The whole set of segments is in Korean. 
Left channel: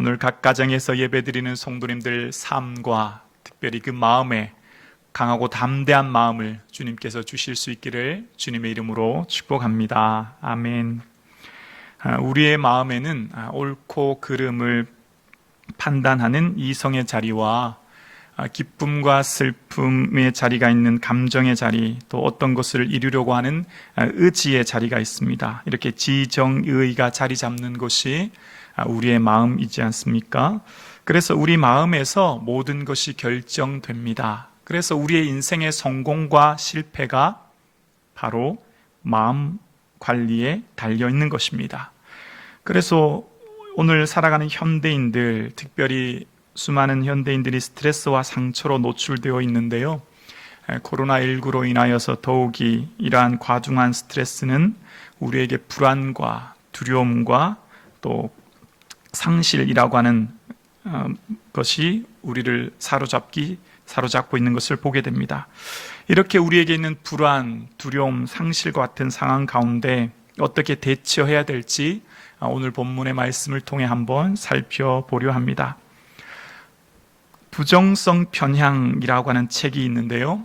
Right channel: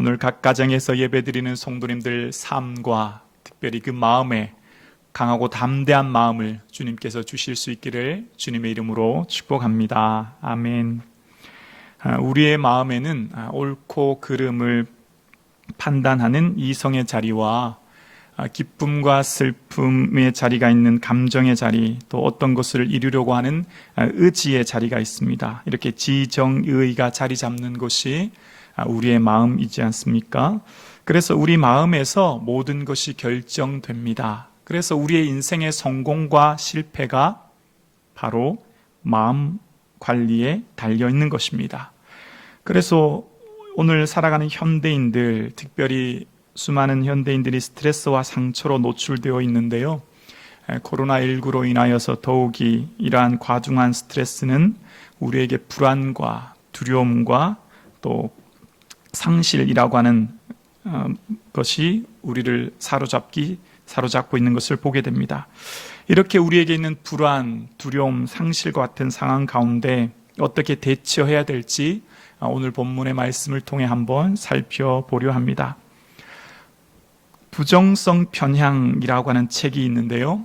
오늘 각 가정에서 예배드리는 성도님들 삶과 특별히 그 마음에 강하고 담대한 마음을 주님께서 주실 수 있기를 주님의 이름으로 축복합니다. 아멘. 우리의 마음에는 옳고 그름을 판단하는 이성의 자리와 기쁨과 슬픔의 자리가 있는 감정의 자리, 또 어떤 것을 이루려고 하는 의지의 자리가 있습니다. 이렇게 지정의가 자리 잡는 곳이 우리의 마음이지 않습니까? 그래서 우리 마음에서 모든 것이 결정됩니다. 그래서 우리의 인생의 성공과 실패가 바로 마음 관리에 달려 있는 것입니다. 그래서 오늘 살아가는 현대인들, 특별히 수많은 현대인들이 스트레스와 상처로 노출되어 있는데요. 코로나19로 인하여서 더욱이 이러한 과중한 스트레스는 우리에게 불안과 두려움과 또 상실이라고 하는 것이 우리를 사로잡고 있는 것을 보게 됩니다. 이렇게 우리에게 있는 불안, 두려움, 상실과 같은 상황 가운데 어떻게 대처해야 될지 오늘 본문의 말씀을 통해 한번 살펴보려 합니다. 부정성 편향이라고 하는 책이 있는데요.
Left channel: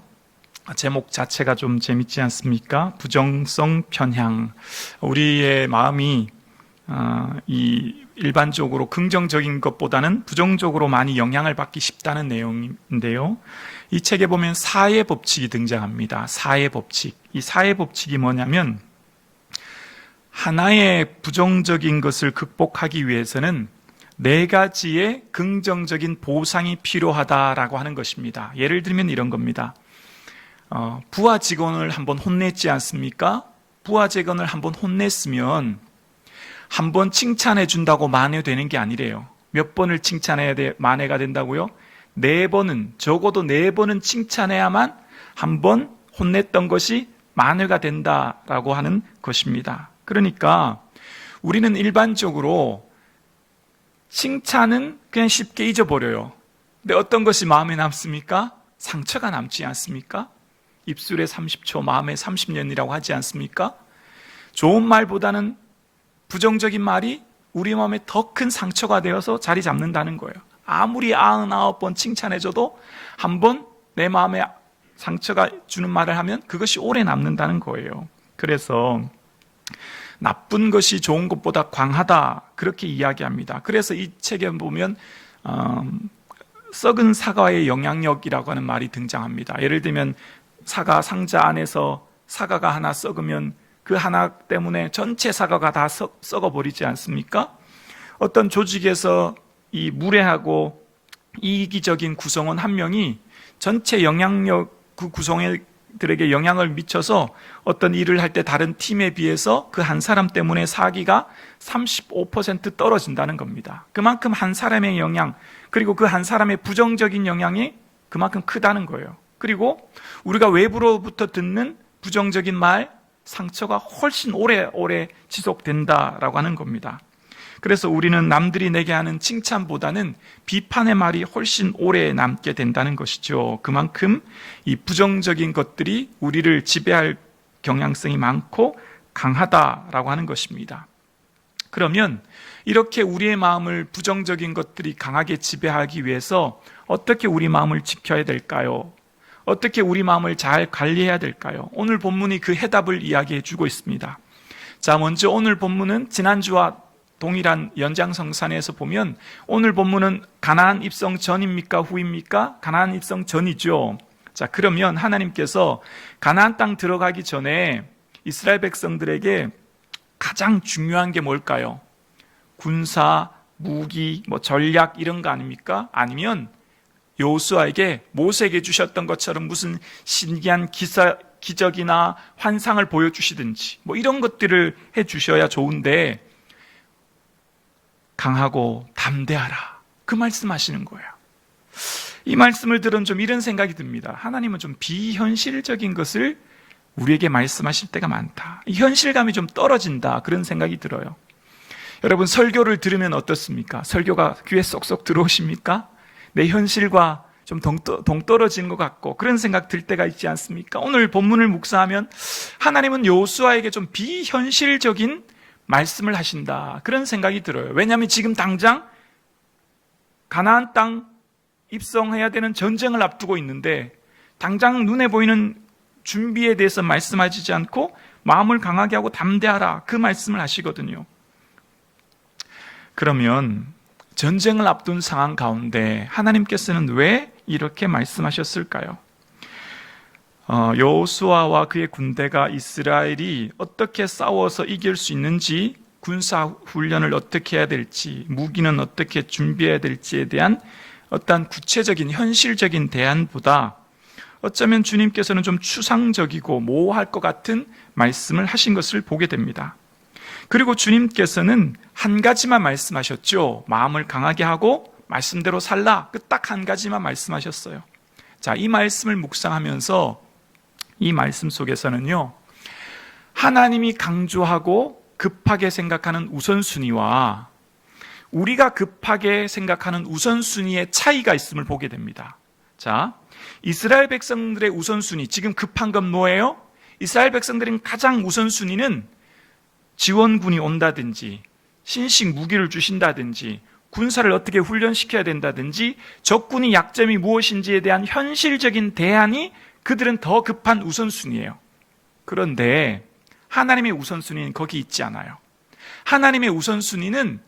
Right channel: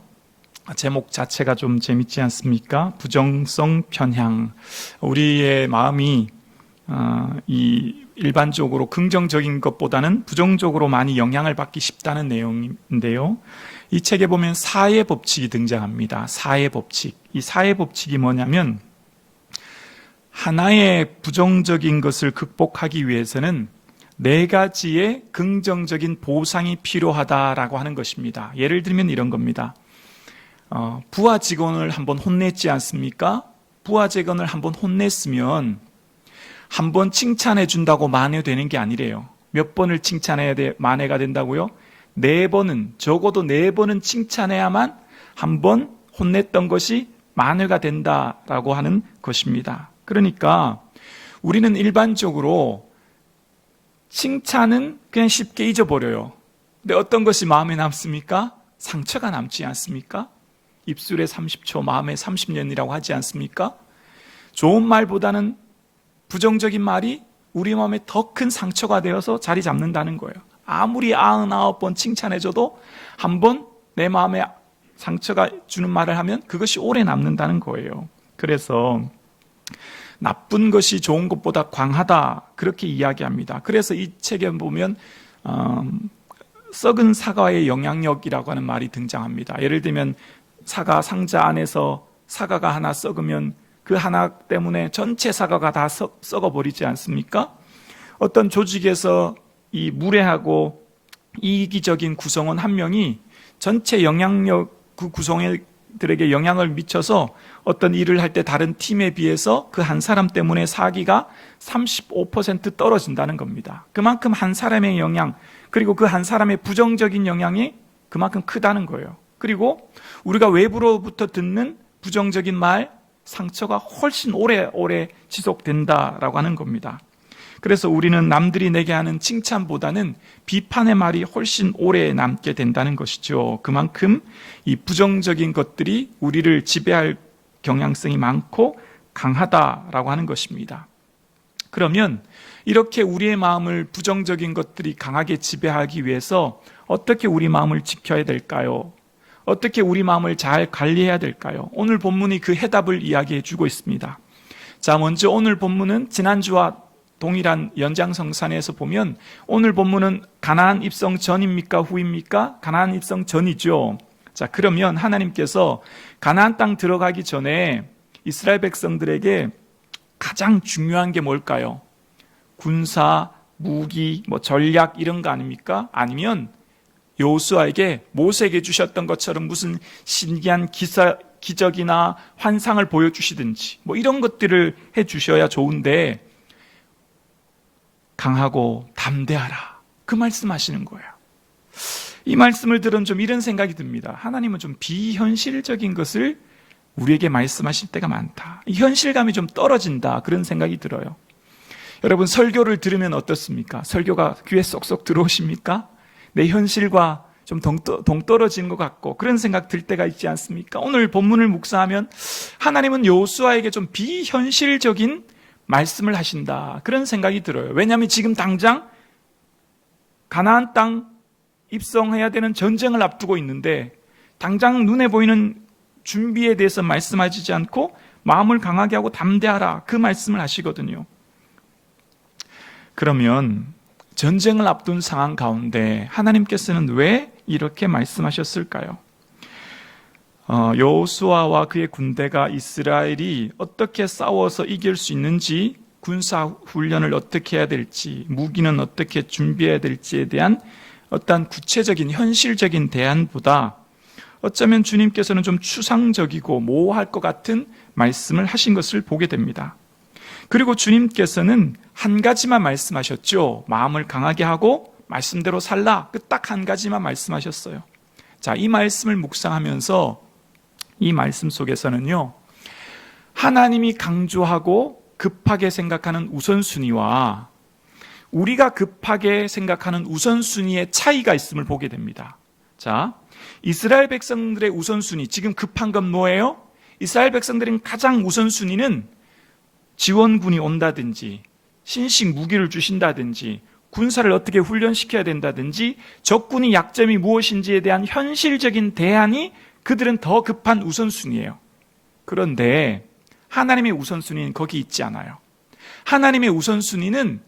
제목 자체가 좀 재밌지 않습니까? 부정성 편향. 우리의 마음이 일반적으로 긍정적인 것보다는 부정적으로 많이 영향을 받기 쉽다는 내용인데요. 이 책에 보면 사회 법칙이 등장합니다. 사회 법칙. 이 사회 법칙이 뭐냐면 하나의 부정적인 것을 극복하기 위해서는 4가지의 긍정적인 보상이 필요하다라고 하는 것입니다. 예를 들면 이런 겁니다. 부하 직원을 한번 혼냈지 않습니까? 부하 직원을 한번 혼냈으면 한번 칭찬해 준다고 만회되는 게 아니래요. 몇 번을 칭찬해야 만회가 된다고요? 4번은, 적어도 4번은 칭찬해야만 한번 혼냈던 것이 만회가 된다라고 하는 것입니다. 그러니까 우리는 일반적으로 칭찬은 그냥 쉽게 잊어버려요. 근데 어떤 것이 마음에 남습니까? 상처가 남지 않습니까? 입술에 30초, 마음에 30년이라고 하지 않습니까? 좋은 말보다는 부정적인 말이 우리 마음에 더 큰 상처가 되어서 자리 잡는다는 거예요. 아무리 99번 칭찬해줘도 한 번 내 마음에 상처가 주는 말을 하면 그것이 오래 남는다는 거예요. 그래서 나쁜 것이 좋은 것보다 강하다, 그렇게 이야기합니다. 그래서 이 책에 보면 썩은 사과의 영향력이라고 하는 말이 등장합니다. 예를 들면 사과 상자 안에서 사과가 하나 썩으면 그 하나 때문에 전체 사과가 다 썩어버리지 않습니까? 어떤 조직에서 이 무례하고 이기적인 구성원 한 명이 전체 영향력, 그 구성원들에게 영향을 미쳐서 어떤 일을 할 때 다른 팀에 비해서 그 한 사람 때문에 사기가 35% 떨어진다는 겁니다. 그만큼 한 사람의 영향, 그리고 그 한 사람의 부정적인 영향이 그만큼 크다는 거예요. 그리고 우리가 외부로부터 듣는 부정적인 말, 상처가 훨씬 오래 지속된다라고 하는 겁니다. 그래서 우리는 남들이 내게 하는 칭찬보다는 비판의 말이 훨씬 오래 남게 된다는 것이죠. 그만큼 이 부정적인 것들이 우리를 지배할 경향성이 많고 강하다라고 하는 것입니다. 그러면 이렇게 우리의 마음을 부정적인 것들이 강하게 지배하기 위해서 어떻게 우리 마음을 지켜야 될까요? 어떻게 우리 마음을 잘 관리해야 될까요? 오늘 본문이 그 해답을 이야기해 주고 있습니다. 자, 먼저 오늘 본문은 지난주와 동일한 연장성산에서 보면 오늘 본문은 가나안 입성 전입니까? 후입니까? 가나안 입성 전이죠. 자, 그러면 하나님께서 가나안 땅 들어가기 전에 이스라엘 백성들에게 가장 중요한 게 뭘까요? 군사, 무기, 전략 이런 거 아닙니까? 아니면 여호수아에게 모세에게 주셨던 것처럼 무슨 신기한 기적이나 환상을 보여주시든지 이런 것들을 해주셔야 좋은데 강하고 담대하라, 그 말씀하시는 거예요. 이 말씀을 들은 좀 이런 생각이 듭니다. 하나님은 좀 비현실적인 것을 우리에게 말씀하실 때가 많다. 이 현실감이 좀 떨어진다, 그런 생각이 들어요. 여러분, 설교를 들으면 어떻습니까? 설교가 귀에 쏙쏙 들어오십니까? 내 현실과 좀 동떨어진 것 같고 그런 생각 들 때가 있지 않습니까? 오늘 본문을 묵상하면 하나님은 여호수아에게 좀 비현실적인 말씀을 하신다, 그런 생각이 들어요. 왜냐하면 지금 당장 가나안 땅 입성해야 되는 전쟁을 앞두고 있는데 당장 눈에 보이는 준비에 대해서 말씀하시지 않고 마음을 강하게 하고 담대하라, 그 말씀을 하시거든요. 그러면 전쟁을 앞둔 상황 가운데 하나님께서는 왜 이렇게 말씀하셨을까요? 여호수아와 그의 군대가 이스라엘이 어떻게 싸워서 이길 수 있는지, 군사 훈련을 어떻게 해야 될지, 무기는 어떻게 준비해야 될지에 대한 어떤 구체적인 현실적인 대안보다 어쩌면 주님께서는 좀 추상적이고 모호할 것 같은 말씀을 하신 것을 보게 됩니다. 그리고 주님께서는 한 가지만 말씀하셨죠. 마음을 강하게 하고 말씀대로 살라. 그 딱 한 가지만 말씀하셨어요. 자, 이 말씀을 묵상하면서 이 말씀 속에서는요, 하나님이 강조하고 급하게 생각하는 우선순위와 우리가 급하게 생각하는 우선순위의 차이가 있음을 보게 됩니다. 자, 이스라엘 백성들의 우선순위, 지금 급한 건 뭐예요? 이스라엘 백성들은 가장 우선순위는 지원군이 온다든지 신식 무기를 주신다든지 군사를 어떻게 훈련시켜야 된다든지 적군이 약점이 무엇인지에 대한 현실적인 대안이 그들은 더 급한 우선순위예요. 그런데 하나님의 우선순위는 거기 있지 않아요. 하나님의 우선순위는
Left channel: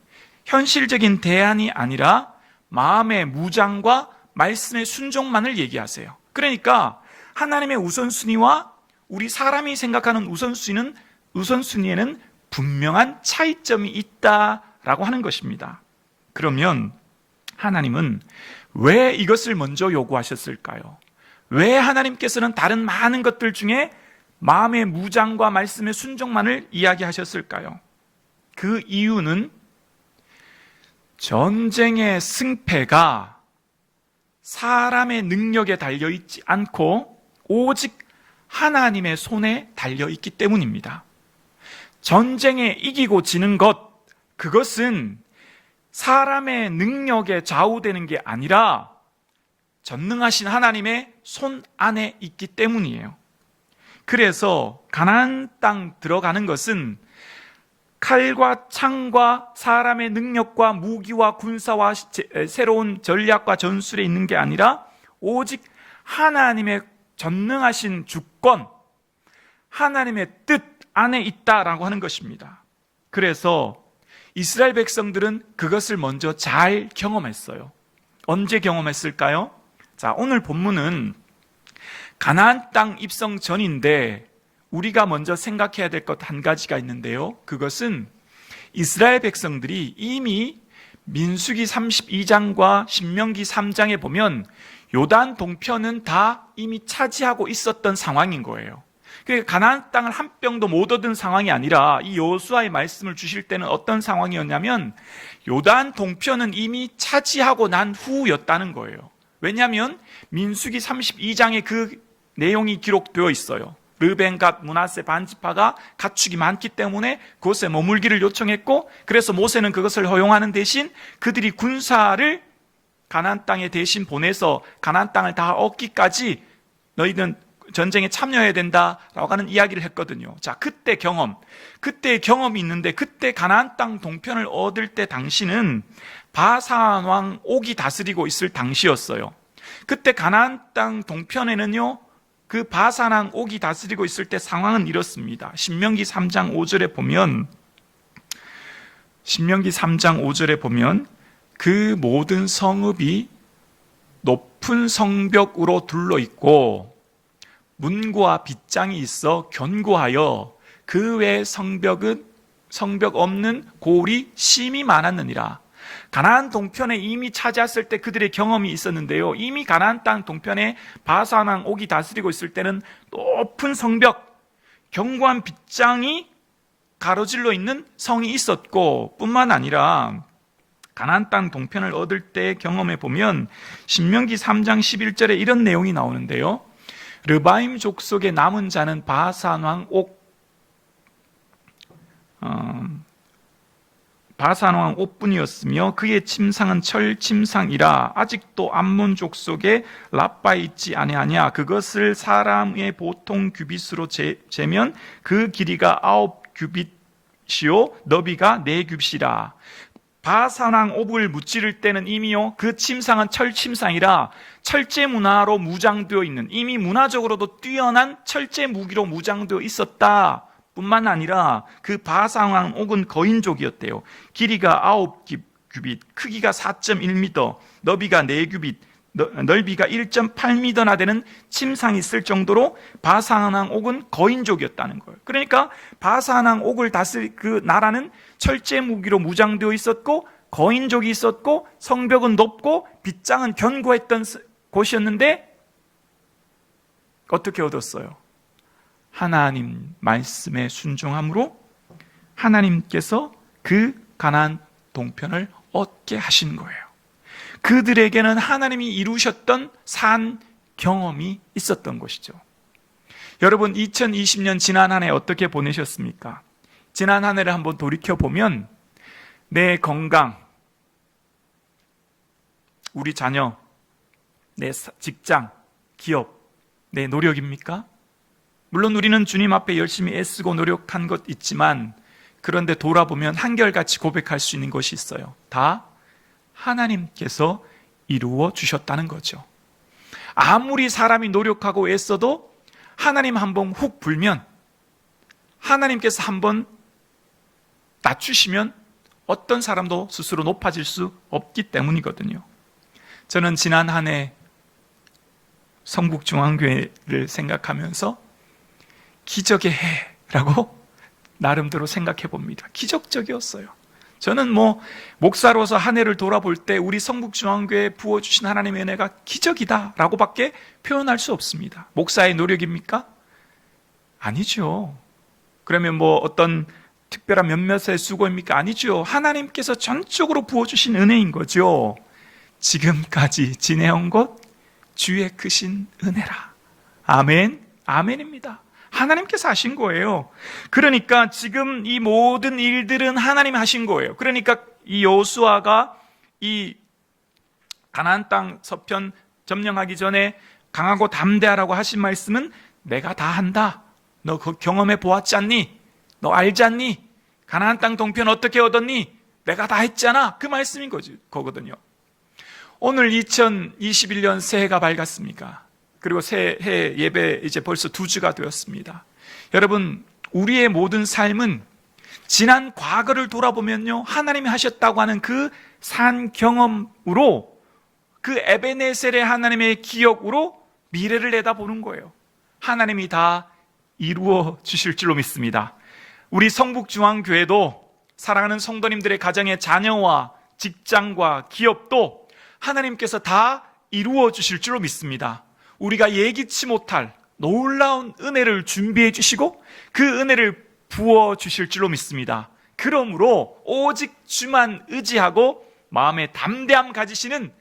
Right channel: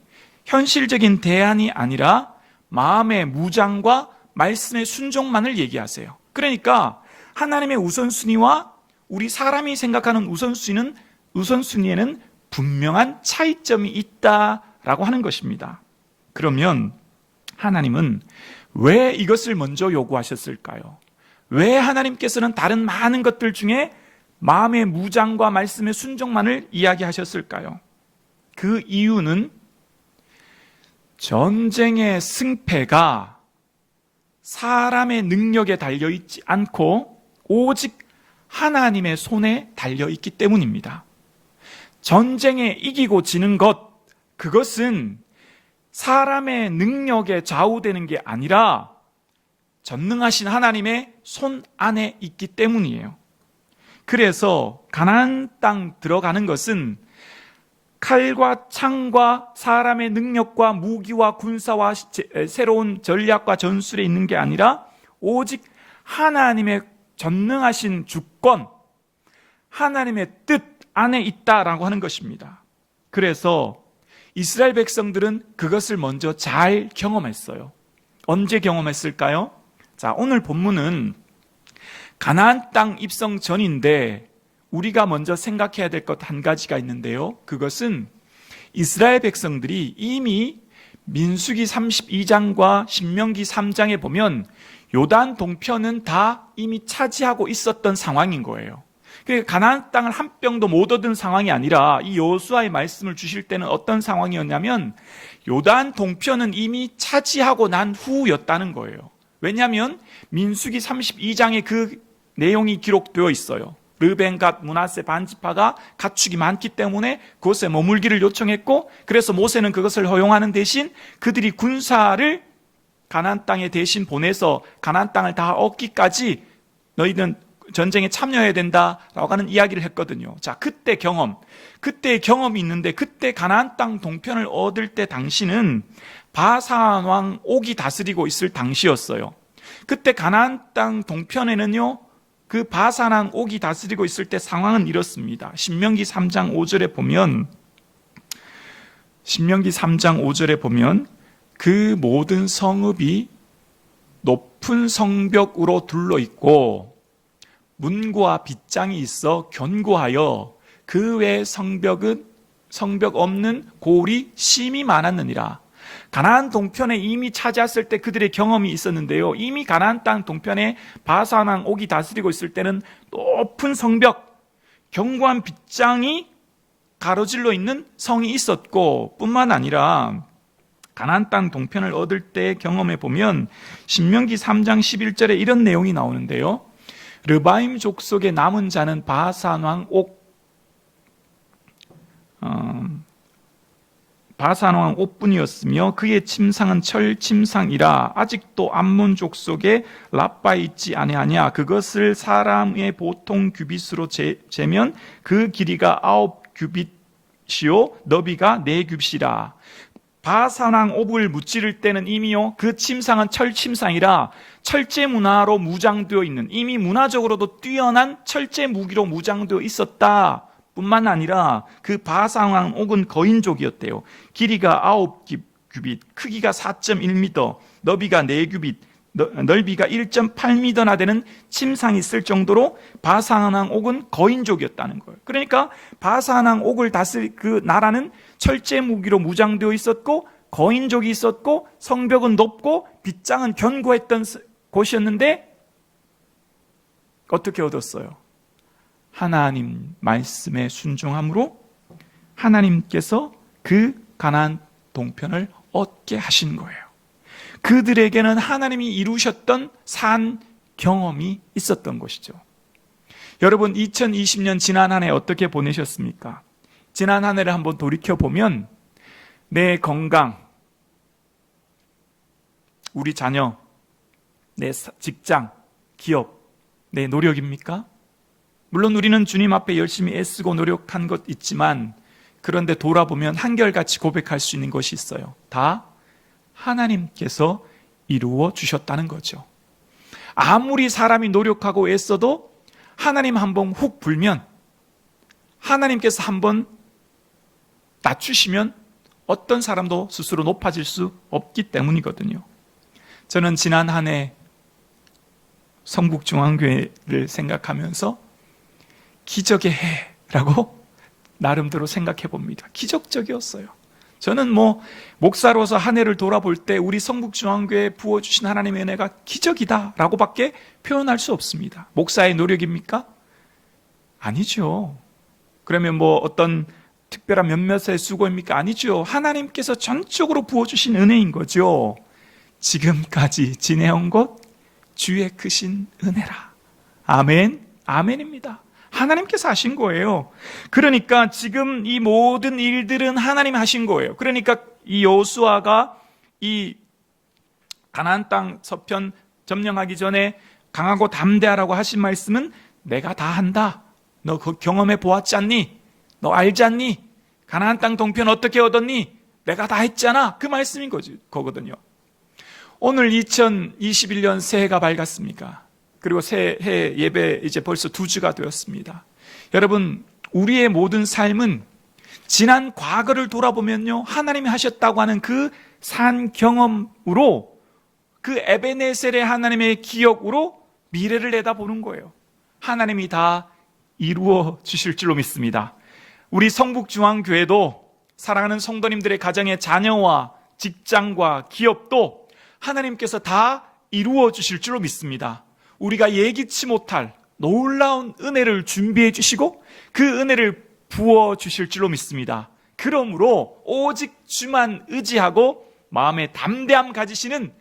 현실적인 대안이 아니라 마음의 무장과 말씀의 순종만을 얘기하세요. 그러니까 하나님의 우선순위와 우리 사람이 생각하는 우선순위에는 분명한 차이점이 있다라고 하는 것입니다. 그러면 하나님은 왜 이것을 먼저 요구하셨을까요? 왜 하나님께서는 다른 많은 것들 중에 마음의 무장과 말씀의 순종만을 이야기하셨을까요? 그 이유는 전쟁의 승패가 사람의 능력에 달려있지 않고 오직 하나님의 손에 달려있기 때문입니다. 전쟁에 이기고 지는 것, 그것은 사람의 능력에 좌우되는 게 아니라 전능하신 하나님의 손 안에 있기 때문이에요. 그래서 가나안 땅 들어가는 것은 칼과 창과 사람의 능력과 무기와 군사와 새로운 전략과 전술에 있는 게 아니라 오직 하나님의 전능하신 주권, 하나님의 뜻 안에 있다라고 하는 것입니다. 그래서 이스라엘 백성들은 그것을 먼저 잘 경험했어요. 언제 경험했을까요? 자, 오늘 본문은 가나안 땅 입성 전인데 우리가 먼저 생각해야 될 것 한 가지가 있는데요. 그것은 이스라엘 백성들이 이미 민수기 32장과 신명기 3장에 보면 요단 동편은 다 이미 차지하고 있었던 상황인 거예요. 그러니까 가나안 땅을 한 뼘도 못 얻은 상황이 아니라 이 여호수아의 말씀을 주실 때는 어떤 상황이었냐면 요단 동편은 이미 차지하고 난 후였다는 거예요. 왜냐하면 민수기 32장에 그 내용이 기록되어 있어요. 르벤, 갓, 므낫세 반지파가 가축이 많기 때문에 그곳에 머물기를 요청했고, 그래서 모세는 그것을 허용하는 대신 그들이 군사를 가나안 땅에 대신 보내서 가나안 땅을 다 얻기까지 너희는 전쟁에 참여해야 된다라고 하는 이야기를 했거든요. 자, 그때의 경험이 있는데, 그때 가나안 땅 동편을 얻을 때 당시는 바산 왕 옥이 다스리고 있을 당시였어요. 그때 가나안 땅 동편에는요, 그 바산 왕 옥이 다스리고 있을 때 상황은 이렇습니다. 신명기 3장 5절에 보면 그 모든 성읍이 높은 성벽으로 둘러 있고 문과 빗장이 있어 견고하여 그 외 성벽 없는 고을이 심히 많았느니라. 가나안 동편에 이미 차지했을 때 그들의 경험이 있었는데요. 이미 가나안 땅 동편에 바산 왕 옥이 다스리고 있을 때는 높은 성벽, 견고한 빗장이 가로질러 있는 성이 있었고, 뿐만 아니라 가나안 땅 동편을 얻을 때의 경험에 보면 신명기 3장 11절에 이런 내용이 나오는데요. 르바임 족속의 남은 자는 바산 왕 옥뿐이었으며 그의 침상은 철 침상이라. 아직도 암몬 족속에 라빠에 있지 아니하냐. 그것을 사람의 보통 규빗으로 재면 그 길이가 9규빗이요 너비가 4규빗이라. 바산왕 옥을 무찌를 때는 이미요 그 침상은 철침상이라 철제 문화로 무장되어 있는, 이미 문화적으로도 뛰어난 철제 무기로 무장되어 있었다 뿐만 아니라 그 바산왕 옥은 거인족이었대요. 길이가 9규빗, 크기가 4.1m, 너비가 4규빗, 넓이가 1.8m나 되는 침상이 있을 정도로 바산왕 옥은 거인족이었다는 거예요. 그러니까 바산왕 옥을 다스릴 그 나라는 철제 무기로 무장되어 있었고 거인족이 있었고 성벽은 높고 빗장은 견고했던 곳이었는데 어떻게 얻었어요? 하나님 말씀에 순종함으로 하나님께서 그 가나안 동편을 얻게 하신 거예요. 그들에게는 하나님이 이루셨던 산 경험이 있었던 것이죠. 여러분, 2020년 지난 한 해 어떻게 보내셨습니까? 지난 한 해를 한번 돌이켜보면 내 건강, 우리 자녀, 내 직장, 기업, 내 노력입니까? 물론 우리는 주님 앞에 열심히 애쓰고 노력한 것 있지만 그런데 돌아보면 한결같이 고백할 수 있는 것이 있어요. 다 하나님께서 이루어 주셨다는 거죠. 아무리 사람이 노력하고 애써도 하나님 한번 훅 불면, 하나님께서 한번 낮추시면 어떤 사람도 스스로 높아질 수 없기 때문이거든요. 저는 지난 한 해 성북중앙교회를 생각하면서 기적의 해라고 나름대로 생각해 봅니다. 기적적이었어요. 저는 목사로서 한 해를 돌아볼 때 우리 성북중앙교회에 부어주신 하나님의 은혜가 기적이다라고 밖에 표현할 수 없습니다. 목사의 노력입니까? 아니죠. 그러면 어떤 특별한 몇몇의 수고입니까? 아니죠. 하나님께서 전적으로 부어주신 은혜인 거죠. 지금까지 지내온 것 주의 크신 은혜라. 아멘, 아멘입니다. 하나님께서 하신 거예요. 그러니까 지금 이 모든 일들은 하나님 하신 거예요. 그러니까 이 여호수아가 이 가나안 땅 서편 점령하기 전에 강하고 담대하라고 하신 말씀은 내가 다 한다. 너 그 경험해 보았지 않니? 너 알지 않니? 가나안 땅 동편 어떻게 얻었니? 내가 다 했잖아. 그 말씀인 거거든요. 오늘 2021년 새해가 밝았습니까? 그리고 새해 예배 이제 벌써 2주가 되었습니다. 여러분, 우리의 모든 삶은 지난 과거를 돌아보면요, 하나님이 하셨다고 하는 그 산 경험으로, 그 에베네셀의 하나님의 기억으로 미래를 내다보는 거예요. 하나님이 다 이루어 주실 줄로 믿습니다. 우리 성북중앙교회도 사랑하는 성도님들의 가정의 자녀와 직장과 기업도 하나님께서 다 이루어 주실 줄로 믿습니다. 우리가 예기치 못할 놀라운 은혜를 준비해 주시고 그 은혜를 부어 주실 줄로 믿습니다. 그러므로 오직 주만 의지하고 마음의 담대함 가지시는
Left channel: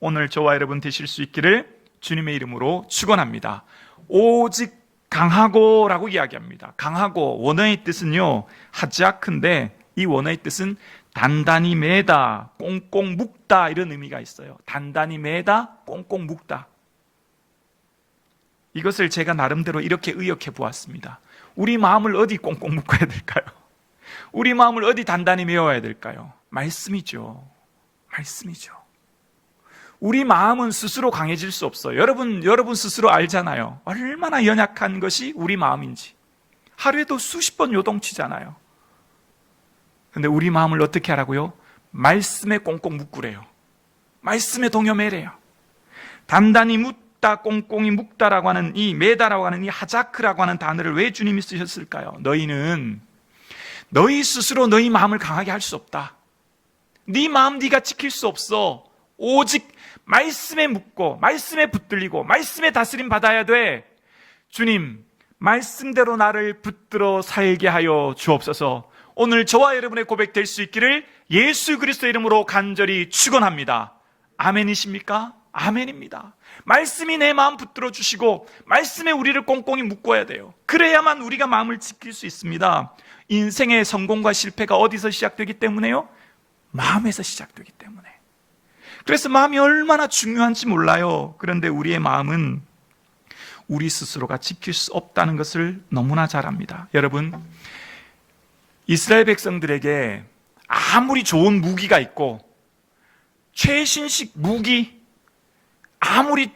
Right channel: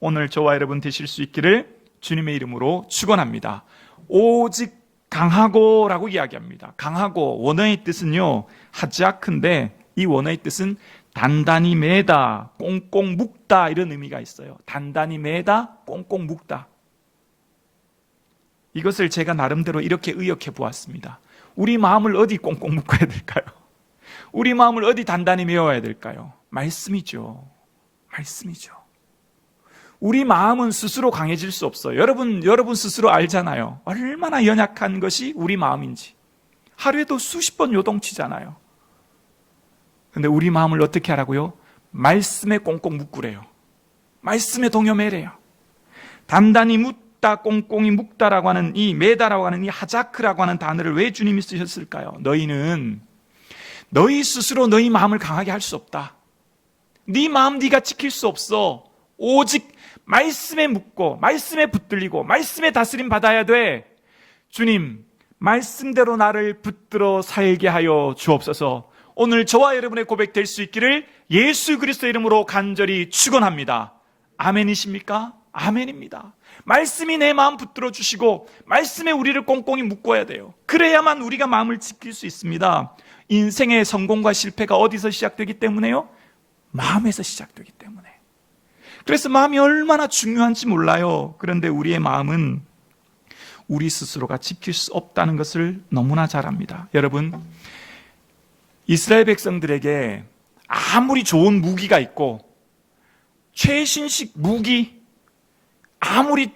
오늘 저와 여러분 되실 수 있기를 주님의 이름으로 축원합니다. 오직 강하고라고 이야기합니다. 강하고, 원어의 뜻은요 하지아크인데 이 원어의 뜻은 단단히 매다, 꽁꽁 묶다 이런 의미가 있어요. 단단히 매다, 꽁꽁 묶다. 이것을 제가 나름대로 이렇게 의역해 보았습니다. 우리 마음을 어디 꽁꽁 묶어야 될까요? 우리 마음을 어디 단단히 메워야 될까요? 말씀이죠. 말씀이죠. 우리 마음은 스스로 강해질 수 없어요. 여러분 스스로 알잖아요. 얼마나 연약한 것이 우리 마음인지. 하루에도 수십 번 요동치잖아요. 근데 우리 마음을 어떻게 하라고요? 말씀에 꽁꽁 묶으래요. 말씀에 동요매래요. 단단히 묻다, 꽁꽁이 묶다라고 하는 이 매다라고 하는 이 하자크라고 하는 단어를 왜 주님이 쓰셨을까요? 너희는 너희 스스로 너희 마음을 강하게 할 수 없다. 네 마음 네가 지킬 수 없어. 오직 말씀에 묶고 말씀에 붙들리고 말씀에 다스림 받아야 돼. 주님, 말씀대로 나를 붙들어 살게 하여 주옵소서. 오늘 저와 여러분의 고백 될 수 있기를 예수 그리스도 이름으로 간절히 축원합니다. 아멘이십니까? 아멘입니다. 말씀이 내 마음 붙들어 주시고 말씀에 우리를 꽁꽁이 묶어야 돼요. 그래야만 우리가 마음을 지킬 수 있습니다. 인생의 성공과 실패가 어디서 시작되기 때문에요? 마음에서 시작되기 때문에. 그래서 마음이 얼마나 중요한지 몰라요. 그런데 우리의 마음은 우리 스스로가 지킬 수 없다는 것을 너무나 잘 압니다. 여러분, 이스라엘 백성들에게 아무리 좋은 무기가 있고 최신식 무기, 아무리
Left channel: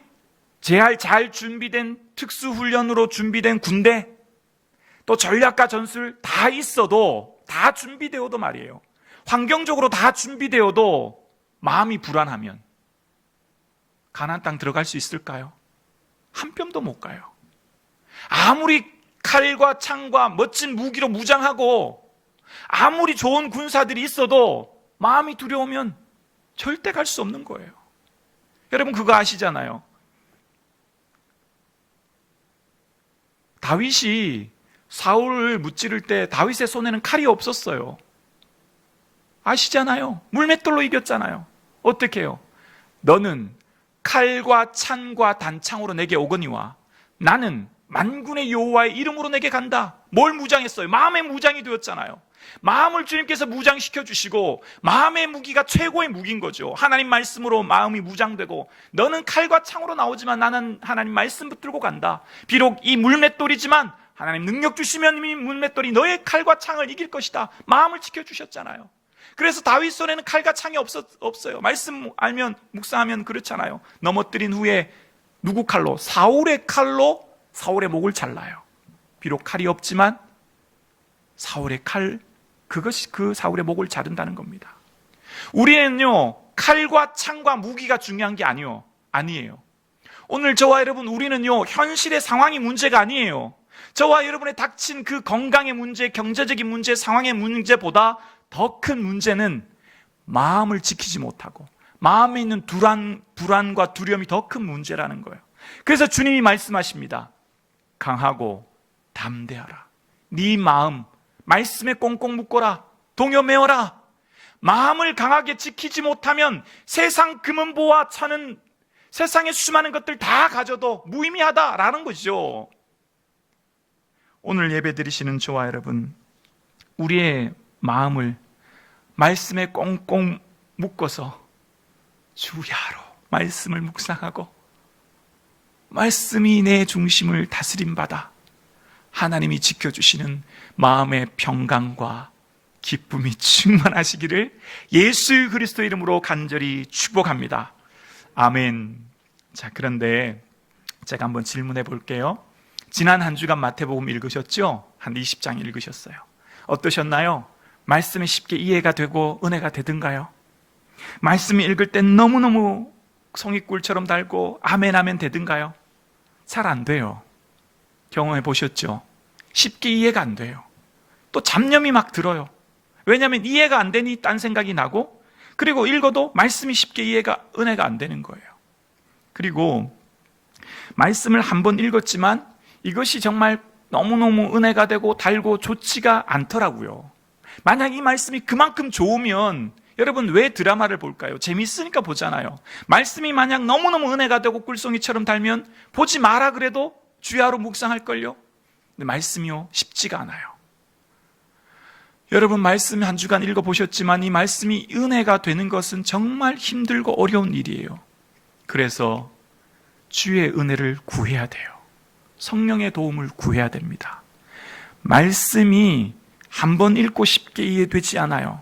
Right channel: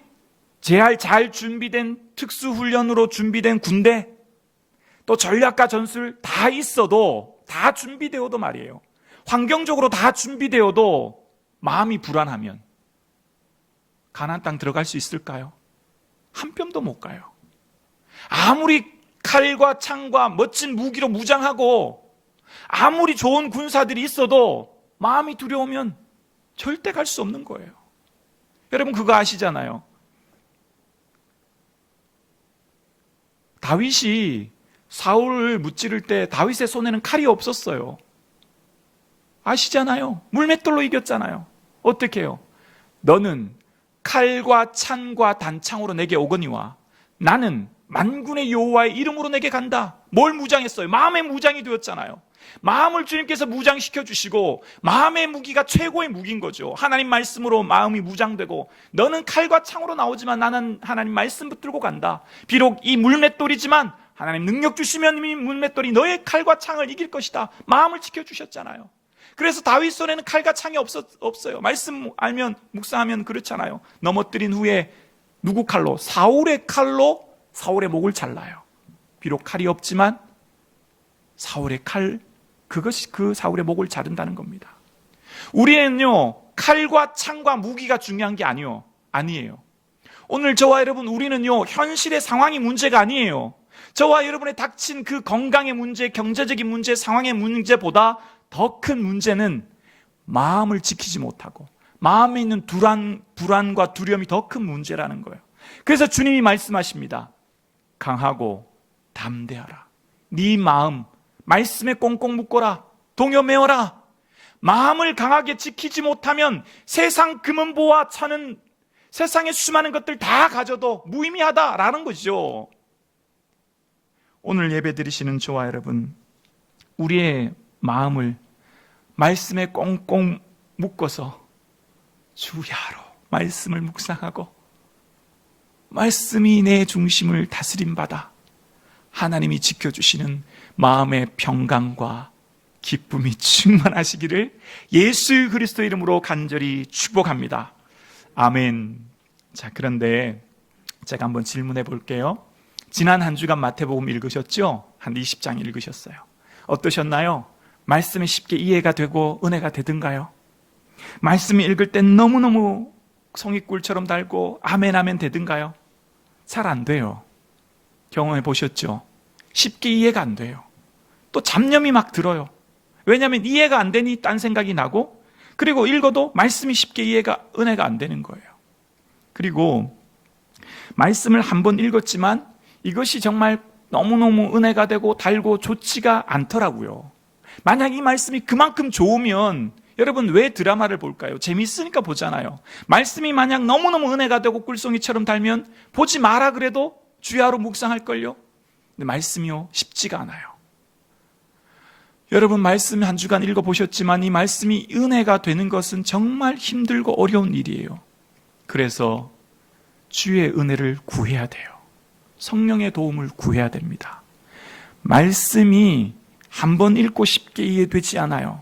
잘 준비된 특수훈련으로 준비된 군대, 또 전략과 전술 다 있어도, 다 준비되어도 말이에요, 환경적으로 다 준비되어도 마음이 불안하면 가나안 땅 들어갈 수 있을까요? 한 뼘도 못 가요. 아무리 칼과 창과 멋진 무기로 무장하고 아무리 좋은 군사들이 있어도 마음이 두려우면 절대 갈 수 없는 거예요. 여러분 그거 아시잖아요. 다윗이 사울을 무찌를 때 다윗의 손에는 칼이 없었어요. 아시잖아요. 물맷돌로 이겼잖아요. 어떻게 해요? 너는 칼과 창과 단창으로 내게 오거니와 나는 만군의 여호와의 이름으로 내게 간다. 뭘 무장했어요? 마음의 무장이 되었잖아요. 마음을 주님께서 무장시켜 주시고 마음의 무기가 최고의 무기인 거죠. 하나님 말씀으로 마음이 무장되고 너는 칼과 창으로 나오지만 나는 하나님 말씀 붙들고 간다. 비록 이 물맷돌이지만 하나님 능력 주시면 이 물맷돌이 너의 칼과 창을 이길 것이다. 마음을 지켜주셨잖아요. 그래서 다윗 손에는 칼과 창이 없어요. 말씀 알면 묵상하면 그렇잖아요. 넘어뜨린 후에 누구 칼로? 사울의 칼로 사울의 목을 잘라요. 비록 칼이 없지만 사울의 칼, 그것이 그 사울의 목을 자른다는 겁니다. 우리는요, 칼과 창과 무기가 중요한 게 아니에요. 오늘 저와 여러분, 우리는요, 현실의 상황이 문제가 아니에요. 저와 여러분의 닥친 그 건강의 문제, 경제적인 문제, 상황의 문제보다 더 큰 문제는 마음을 지키지 못하고 마음에 있는 불안과 두려움이 더 큰 문제라는 거예요. 그래서 주님이 말씀하십니다. 강하고 담대하라. 네 마음 말씀에 꽁꽁 묶어라. 동요매어라. 마음을 강하게 지키지 못하면 세상 금은보화 차는 세상의 수많은 것들 다 가져도 무의미하다라는 거죠. 오늘 예배 드리시는 저와 여러분, 우리의 마음을 말씀에 꽁꽁 묶어서 주야로 말씀을 묵상하고 말씀이 내 중심을 다스림받아 하나님이 지켜주시는 마음의 평강과 기쁨이 충만하시기를 예수 그리스도 이름으로 간절히 축복합니다. 아멘. 자, 그런데 제가 한번 질문해 볼게요. 지난 한 주간 마태복음 읽으셨죠? 한 20장 읽으셨어요. 어떠셨나요? 말씀이 쉽게 이해가 되고 은혜가 되던가요? 말씀이 읽을 땐 너무너무 송이꿀처럼 달고 아멘 아멘 되던가요? 잘 안 돼요. 경험해 보셨죠? 쉽게 이해가 안 돼요. 또 잡념이 막 들어요. 왜냐하면 이해가 안 되니 딴 생각이 나고, 그리고 읽어도 말씀이 쉽게 은혜가 안 되는 거예요. 그리고 말씀을 한번 읽었지만 이것이 정말 너무너무 은혜가 되고 달고 좋지가 않더라고요. 만약 이 말씀이 그만큼 좋으면 여러분 왜 드라마를 볼까요? 재밌으니까 보잖아요. 말씀이 만약 너무너무 은혜가 되고 꿀송이처럼 달면 보지 마라 그래도 주야로 묵상할걸요? 근데 말씀이요, 쉽지가 않아요. 여러분 말씀 한 주간 읽어보셨지만 이 말씀이 은혜가 되는 것은 정말 힘들고 어려운 일이에요. 그래서 주의 은혜를 구해야 돼요. 성령의 도움을 구해야 됩니다. 말씀이 한번 읽고 쉽게 이해되지 않아요.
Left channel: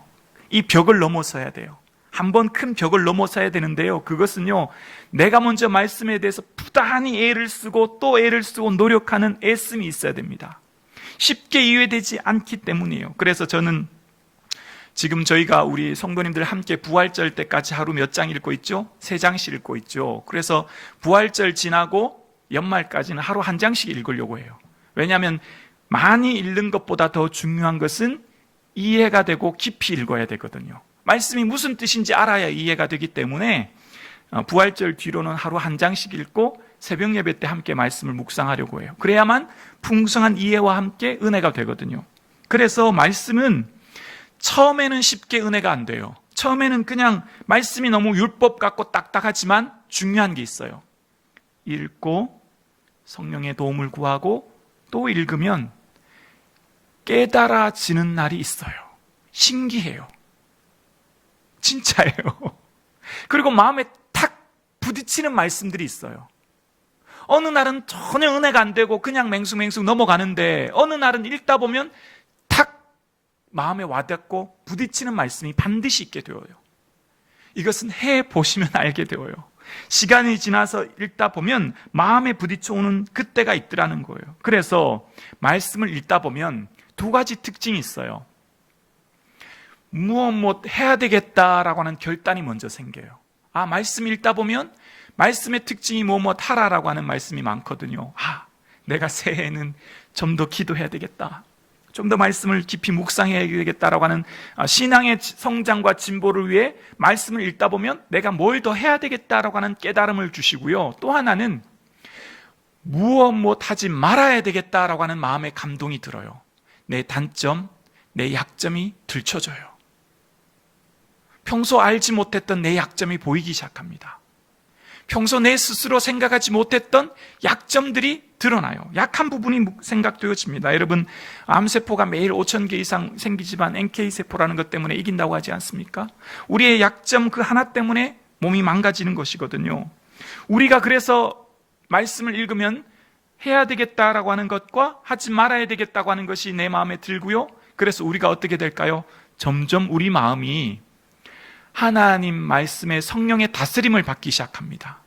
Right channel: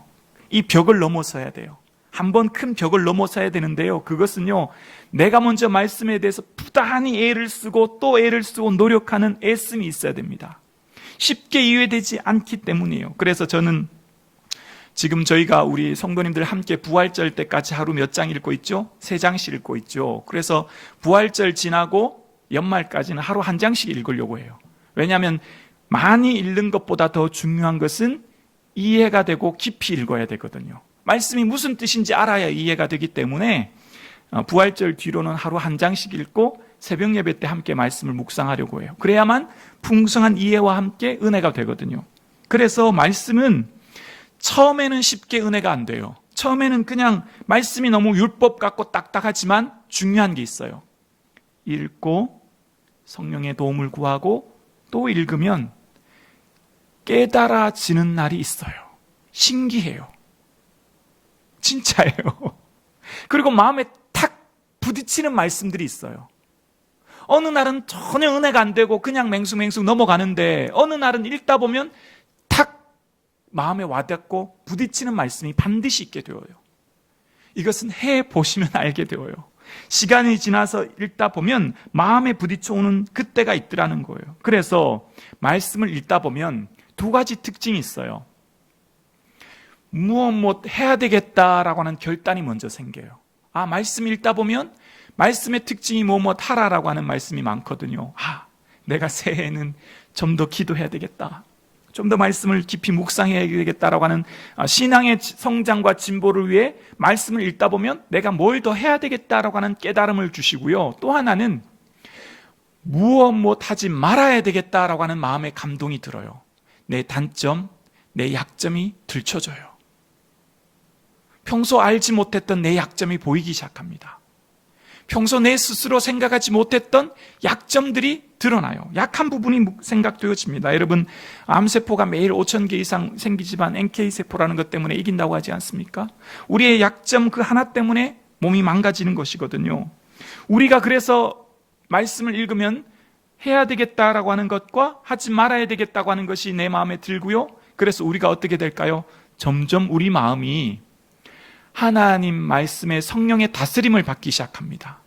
이 벽을 넘어서야 돼요. 한번 큰 벽을 넘어서야 되는데요. 그것은요, 내가 먼저 말씀에 대해서 부단히 애를 쓰고 또 애를 쓰고 노력하는 애씀이 있어야 됩니다. 쉽게 이해되지 않기 때문이에요. 그래서 저는 지금 저희가 우리 성도님들 함께 부활절 때까지 하루 몇 장 읽고 있죠? 3장씩 읽고 있죠. 그래서 부활절 지나고 연말까지는 하루 1장씩 읽으려고 해요. 왜냐하면 많이 읽는 것보다 더 중요한 것은 이해가 되고 깊이 읽어야 되거든요. 말씀이 무슨 뜻인지 알아야 이해가 되기 때문에 부활절 뒤로는 하루 1장씩 읽고 새벽 예배 때 함께 말씀을 묵상하려고 해요. 그래야만 풍성한 이해와 함께 은혜가 되거든요. 그래서 말씀은 처음에는 쉽게 은혜가 안 돼요. 처음에는 그냥 말씀이 너무 율법 같고 딱딱하지만 중요한 게 있어요. 읽고 성령의 도움을 구하고 또 읽으면 깨달아지는 날이 있어요. 신기해요. 진짜예요. 그리고 마음에 탁 부딪히는 말씀들이 있어요. 어느 날은 전혀 은혜가 안 되고 그냥 맹숭맹숭 넘어가는데 어느 날은 읽다 보면 탁 마음에 와닿고 부딪히는 말씀이 반드시 있게 되어요. 이것은 해보시면 알게 되어요. 시간이 지나서 읽다 보면 마음에 부딪혀오는 그때가 있더라는 거예요. 그래서 말씀을 읽다 보면 두 가지 특징이 있어요. 무엇 해야 되겠다라고 하는 결단이 먼저 생겨요. 말씀 읽다 보면 말씀의 특징이 무엇 하라라고 하는 말씀이 많거든요. 내가 새해에는 좀 더 기도해야 되겠다. 좀 더 말씀을 깊이 묵상해야 되겠다라고 하는 신앙의 성장과 진보를 위해 말씀을 읽다 보면 내가 뭘 더 해야 되겠다라고 하는 깨달음을 주시고요. 또 하나는 무엇 하지 말아야 되겠다라고 하는 마음의 감동이 들어요. 내 단점, 내 약점이 들춰져요. 평소 알지 못했던 내 약점이 보이기 시작합니다. 평소 내 스스로 생각하지 못했던 약점들이 드러나요. 약한 부분이 생각되어집니다. 여러분, 암세포가 매일 5,000개 이상 생기지만 NK세포라는 것 때문에 이긴다고 하지 않습니까? 우리의 약점 그 하나 때문에 몸이 망가지는 것이거든요. 우리가 그래서 말씀을 읽으면 해야 되겠다라고 하는 것과 하지 말아야 되겠다고 하는 것이 내 마음에 들고요. 그래서 우리가 어떻게 될까요? 점점 우리 마음이 하나님 말씀의 성령의 다스림을 받기 시작합니다.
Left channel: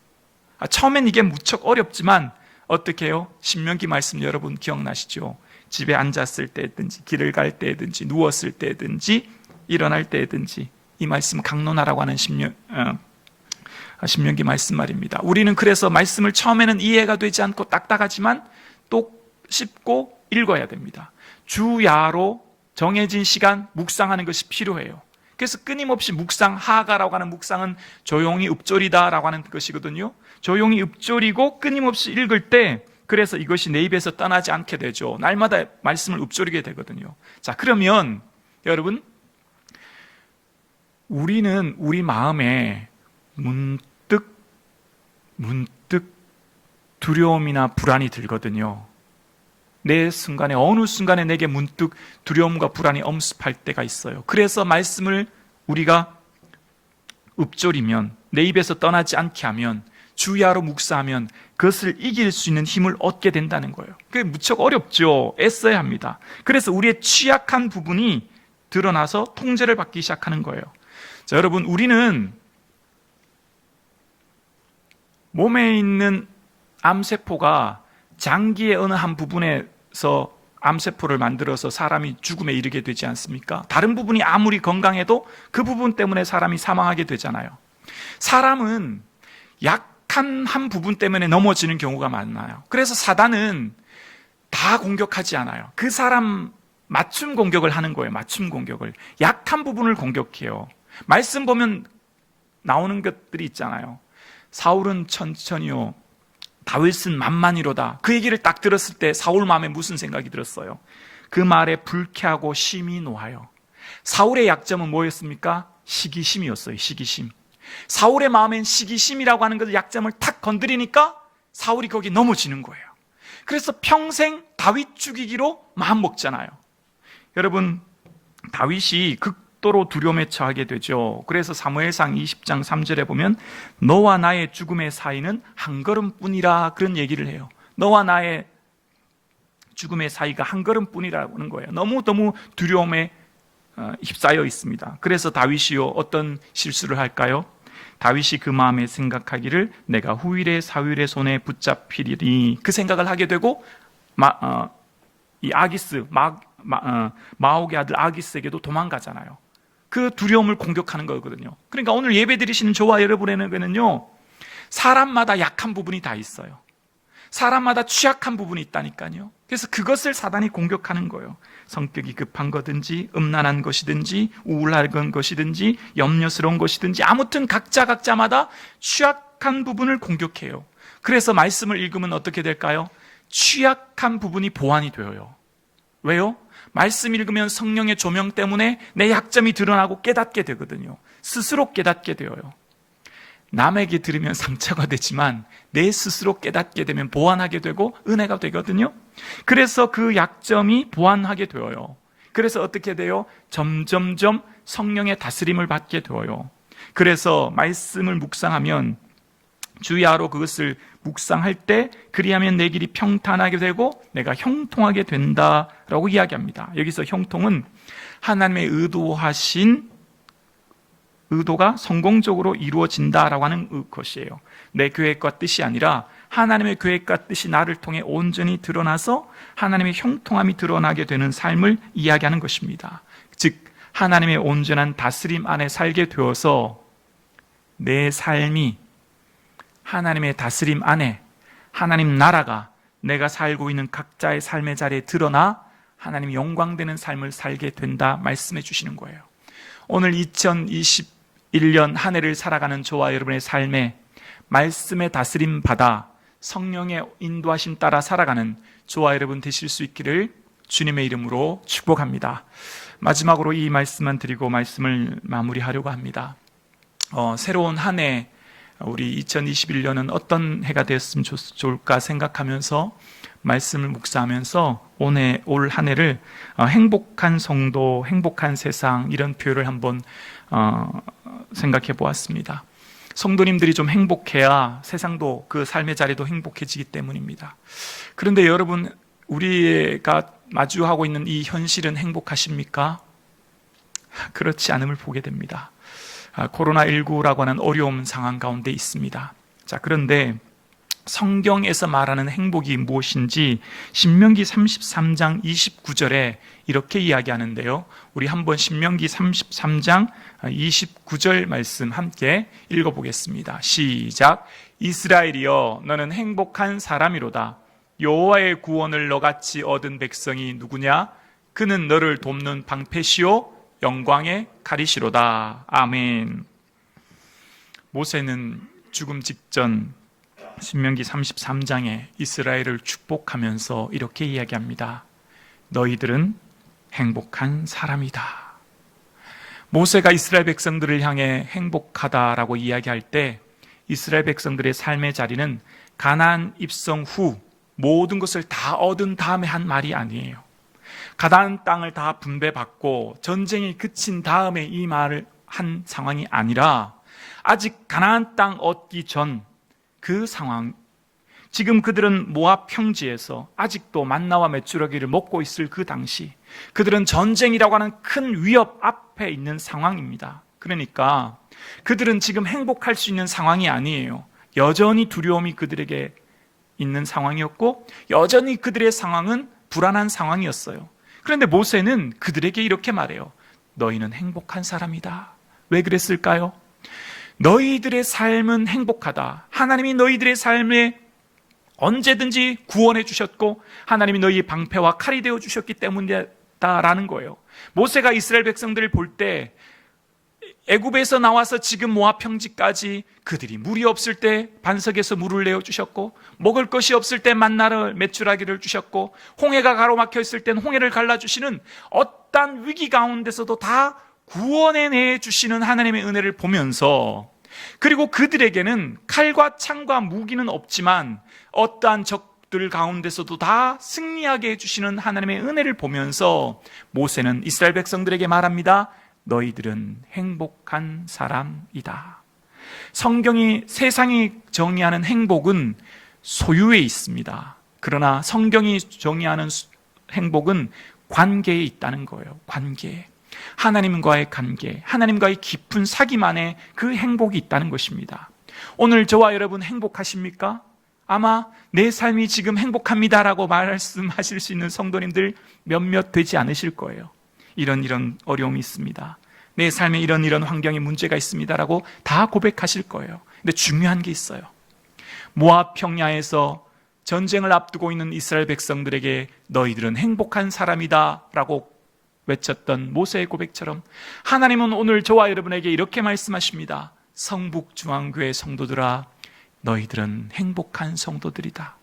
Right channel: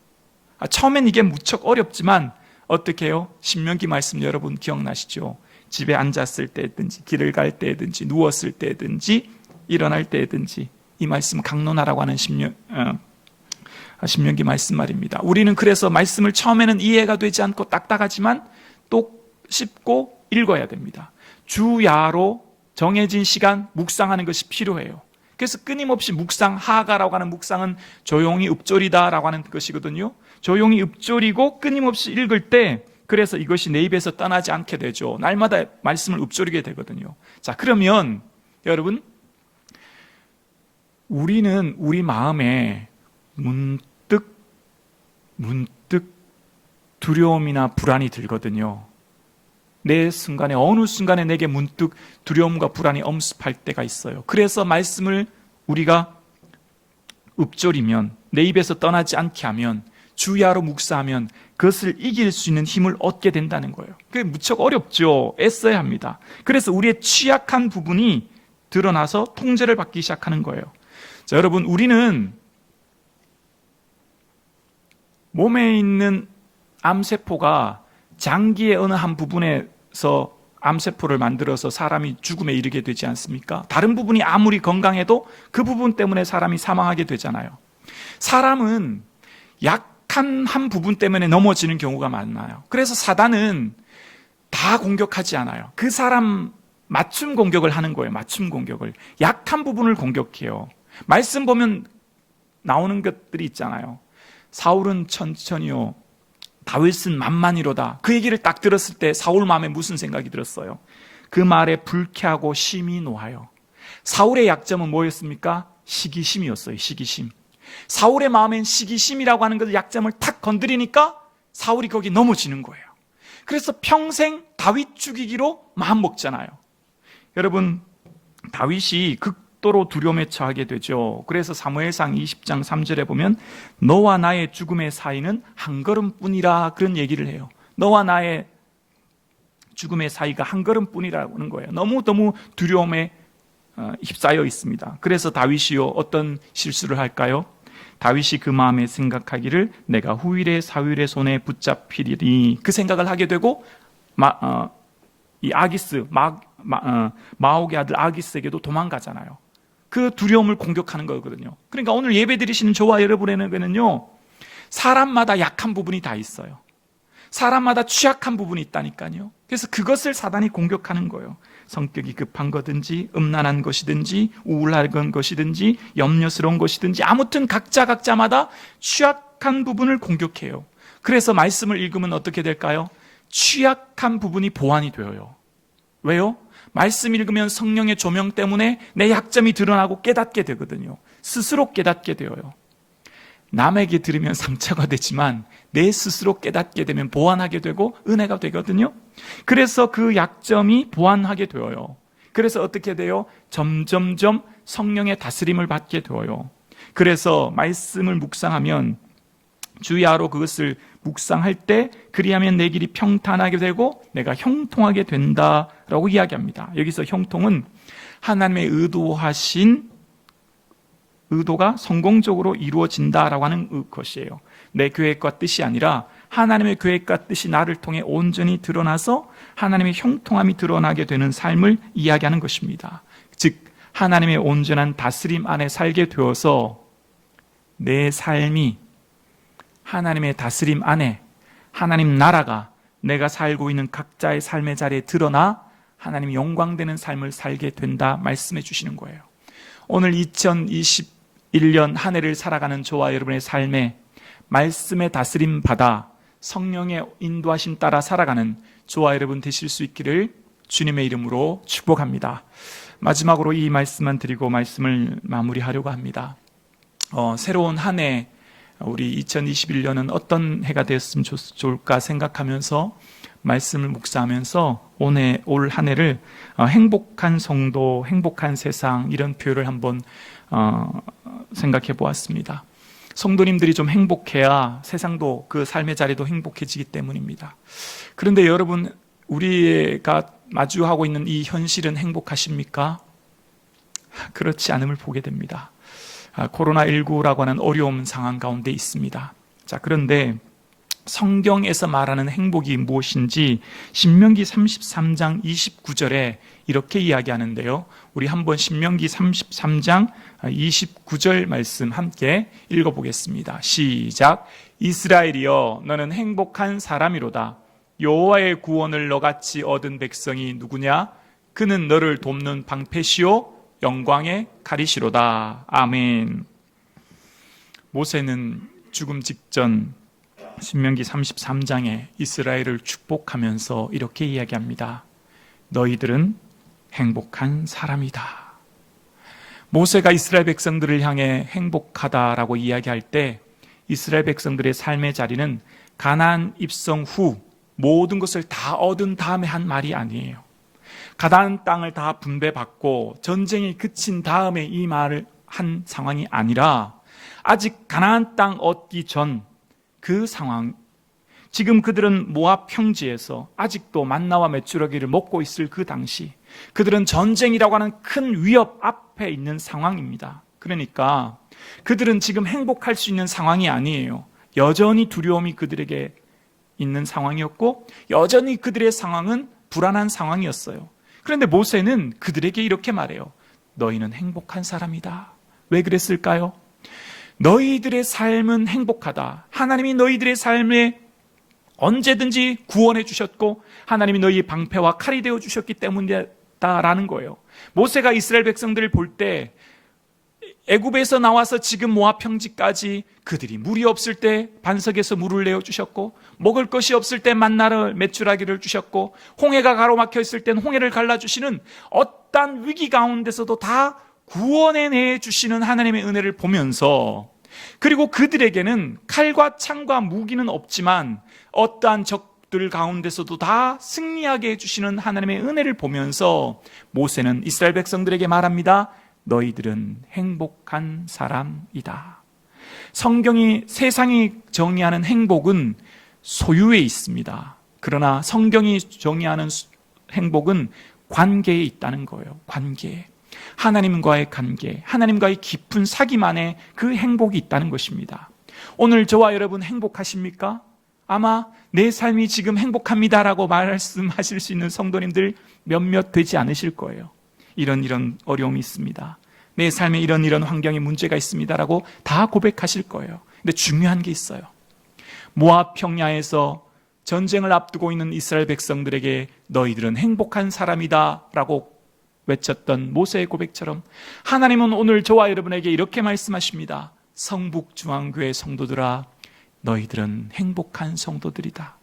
처음엔 이게 무척 어렵지만 어떻게 해요? 신명기 말씀 여러분 기억나시죠? 집에 앉았을 때든지 길을 갈 때든지 누웠을 때든지 일어날 때든지 이 말씀 강론하라고 하는 신명기 말씀 말입니다. 우리는 그래서 말씀을 처음에는 이해가 되지 않고 딱딱하지만 또 쉽고 읽어야 됩니다. 주야로 정해진 시간 묵상하는 것이 필요해요. 그래서 끊임없이 하가라고 하는 묵상은 조용히 읊조리다라고 하는 것이거든요. 조용히 읊조리고 끊임없이 읽을 때 그래서 이것이 내 입에서 떠나지 않게 되죠. 날마다 말씀을 읊조리게 되거든요. 자, 그러면 여러분, 우리는 우리 마음에 문득 두려움이나 불안이 들거든요. 내 순간에 어느 순간에 내게 문득 두려움과 불안이 엄습할 때가 있어요. 그래서 말씀을 우리가 읊조리면 내 입에서 떠나지 않게 하면 주야로 묵상하면 그것을 이길 수 있는 힘을 얻게 된다는 거예요. 그게 무척 어렵죠. 애써야 합니다. 그래서 우리의 취약한 부분이 드러나서 통제를 받기 시작하는 거예요. 자, 여러분, 우리는 몸에 있는 암세포가 장기의 어느 한 부분에서 암세포를 만들어서 사람이 죽음에 이르게 되지 않습니까? 다른 부분이 아무리 건강해도 그 부분 때문에 사람이 사망하게 되잖아요. 사람은 약한 한 부분 때문에 넘어지는 경우가 많아요. 그래서 사단은 다 공격하지 않아요. 그 사람 맞춤 공격을 하는 거예요. 맞춤 공격을. 약한 부분을 공격해요. 말씀 보면 나오는 것들이 있잖아요. 사울은 천천히요, 다윗은 만만이로다. 그 얘기를 딱 들었을 때 사울 마음에 무슨 생각이 들었어요? 그 말에 불쾌하고 심히 노하여. 사울의 약점은 뭐였습니까? 시기심이었어요. 시기심. 사울의 마음엔 시기심이라고 하는 그 약점을 탁 건드리니까 사울이 거기 넘어지는 거예요. 그래서 평생 다윗 죽이기로 마음 먹잖아요. 여러분, 다윗이 극도로 두려움에 처하게 되죠. 그래서 사무엘상 20장 3절에 보면 너와 나의 죽음의 사이는 한 걸음뿐이라, 그런 얘기를 해요. 너와 나의 죽음의 사이가 한 걸음뿐이라는 거예요. 너무너무 두려움에 휩싸여 있습니다. 그래서 다윗이요, 어떤 실수를 할까요? 다윗이 그 마음에 생각하기를 내가 후일의 사울의 손에 붙잡히리니, 그 생각을 하게 되고 이 아기스, 마옥의 아들 아기스에게도 도망가잖아요. 그 두려움을 공격하는 거거든요. 그러니까 오늘 예배 드리시는 저와 여러분에게는요, 사람마다 약한 부분이 다 있어요. 사람마다 취약한 부분이 있다니까요. 그래서 그것을 사단이 공격하는 거예요. 성격이 급한 거든지 음란한 것이든지 우울한 것이든지 염려스러운 것이든지 아무튼 각자마다 취약한 부분을 공격해요. 그래서 말씀을 읽으면 어떻게 될까요? 취약한 부분이 보완이 되어요. 왜요? 말씀 읽으면 성령의 조명 때문에 내 약점이 드러나고 깨닫게 되거든요. 스스로 깨닫게 되어요. 남에게 들으면 상처가 되지만 내 스스로 깨닫게 되면 보완하게 되고 은혜가 되거든요. 그래서 그 약점이 보완하게 되어요. 그래서 어떻게 돼요? 점점점 성령의 다스림을 받게 되어요. 그래서 말씀을 묵상하면 주야로 그것을 묵상할 때 그리하면 내 길이 평탄하게 되고 내가 형통하게 된다라고 이야기합니다. 여기서 형통은 하나님의 의도하신 의도가 성공적으로 이루어진다라고 하는 것이에요. 내 계획과 뜻이 아니라 하나님의 계획과 뜻이 나를 통해 온전히 드러나서 하나님의 형통함이 드러나게 되는 삶을 이야기하는 것입니다. 즉 하나님의 온전한 다스림 안에 살게 되어서 내 삶이 하나님의 다스림 안에 하나님 나라가 내가 살고 있는 각자의 삶의 자리에 드러나 하나님 영광되는 삶을 살게 된다 말씀해 주시는 거예요. 오늘 2021년 한 해를 살아가는 저와 여러분의 삶에 말씀의 다스림 받아 성령의 인도하심 따라 살아가는 저와 여러분 되실 수 있기를 주님의 이름으로 축복합니다. 마지막으로 이 말씀만 드리고 말씀을 마무리하려고 합니다. 새로운 한 해 우리 2021년은 어떤 해가 되었으면 좋을까 생각하면서 말씀을 묵상하면서 올 한 해를 행복한 성도, 행복한 세상 이런 표현을 한번 생각해 보았습니다. 성도님들이 좀 행복해야 세상도 그 삶의 자리도 행복해지기 때문입니다. 그런데 여러분 우리가 마주하고 있는 이 현실은 행복하십니까? 그렇지 않음을 보게 됩니다. 코로나19라고 하는 어려운 상황 가운데 있습니다. 자, 그런데 성경에서 말하는 행복이 무엇인지 신명기 33장 29절에 이렇게 이야기하는데요. 우리 한번 신명기 33장 29절 말씀 함께 읽어보겠습니다. 시작. 이스라엘이여 너는 행복한 사람이로다. 여호와의 구원을 너같이 얻은 백성이 누구냐? 그는 너를 돕는 방패시요 영광의 가리시로다. 아멘. 모세는 죽음 직전 신명기 33장에 이스라엘을 축복하면서 이렇게 이야기합니다. 너희들은 행복한 사람이다. 모세가 이스라엘 백성들을 향해 행복하다라고 이야기할 때 이스라엘 백성들의 삶의 자리는 가나안 입성 후 모든 것을 다 얻은 다음에 한 말이 아니에요. 가나안 땅을 다 분배받고 전쟁이 그친 다음에 이 말을 한 상황이 아니라 아직 가나안 땅 얻기 전 그 상황, 지금 그들은 모압 평지에서 아직도 만나와 메추라기를 먹고 있을 그 당시 그들은 전쟁이라고 하는 큰 위협 앞에 있는 상황입니다. 그러니까 그들은 지금 행복할 수 있는 상황이 아니에요. 여전히 두려움이 그들에게 있는 상황이었고 여전히 그들의 상황은 불안한 상황이었어요. 그런데 모세는 그들에게 이렇게 말해요. 너희는 행복한 사람이다. 왜 그랬을까요? 너희들의 삶은 행복하다. 하나님이 너희들의 삶에 언제든지 구원해 주셨고 하나님이 너희의 방패와 칼이 되어 주셨기 때문이다라는 거예요. 모세가 이스라엘 백성들을 볼 때 애굽에서 나와서 지금 모압 평지까지 그들이 물이 없을 때 반석에서 물을 내어 주셨고 먹을 것이 없을 때 만나를 메추라기를 주셨고 홍해가 가로막혀 있을 땐 홍해를 갈라주시는 어떠한 위기 가운데서도 다 구원해 주시는 하나님의 은혜를 보면서 그리고 그들에게는 칼과 창과 무기는 없지만 어떠한 적들 가운데서도 다 승리하게 해주시는 하나님의 은혜를 보면서 모세는 이스라엘 백성들에게 말합니다. 너희들은 행복한 사람이다. 세상이 정의하는 행복은 소유에 있습니다. 그러나 성경이 정의하는 행복은 관계에 있다는 거예요. 관계. 하나님과의 관계, 하나님과의 깊은 사귐 안에 그 행복이 있다는 것입니다. 오늘 저와 여러분 행복하십니까? 아마 내 삶이 지금 행복합니다라고 말씀하실 수 있는 성도님들 몇몇 되지 않으실 거예요. 이런 어려움이 있습니다. 내 삶에 이런 환경에 문제가 있습니다라고 다 고백하실 거예요. 근데 중요한 게 있어요. 모압 평야에서 전쟁을 앞두고 있는 이스라엘 백성들에게 너희들은 행복한 사람이다라고 외쳤던 모세의 고백처럼 하나님은 오늘 저와 여러분에게 이렇게 말씀하십니다. 성북중앙교회 성도들아, 너희들은 행복한 성도들이다.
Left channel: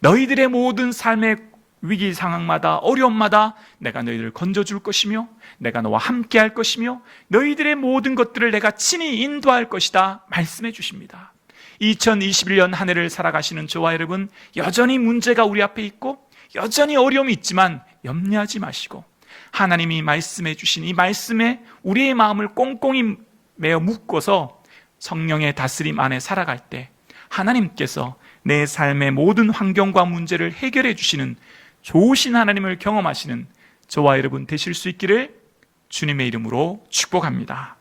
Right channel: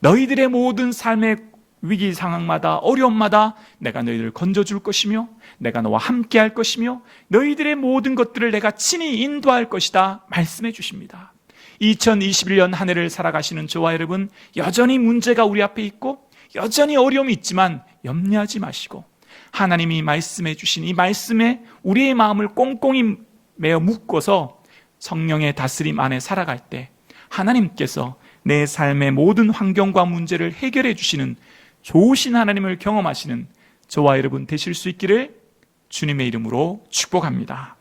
너희들의 모든 삶의 위기 상황마다 어려움마다 내가 너희들을 건져줄 것이며 내가 너와 함께 할 것이며 너희들의 모든 것들을 내가 친히 인도할 것이다 말씀해 주십니다. 2021년 한 해를 살아가시는 저와 여러분, 여전히 문제가 우리 앞에 있고 여전히 어려움이 있지만 염려하지 마시고 하나님이 말씀해 주신 이 말씀에 우리의 마음을 꽁꽁히 메어 묶어서 성령의 다스림 안에 살아갈 때 하나님께서 내 삶의 모든 환경과 문제를 해결해 주시는 좋으신 하나님을 경험하시는 저와 여러분 되실 수 있기를 주님의 이름으로 축복합니다.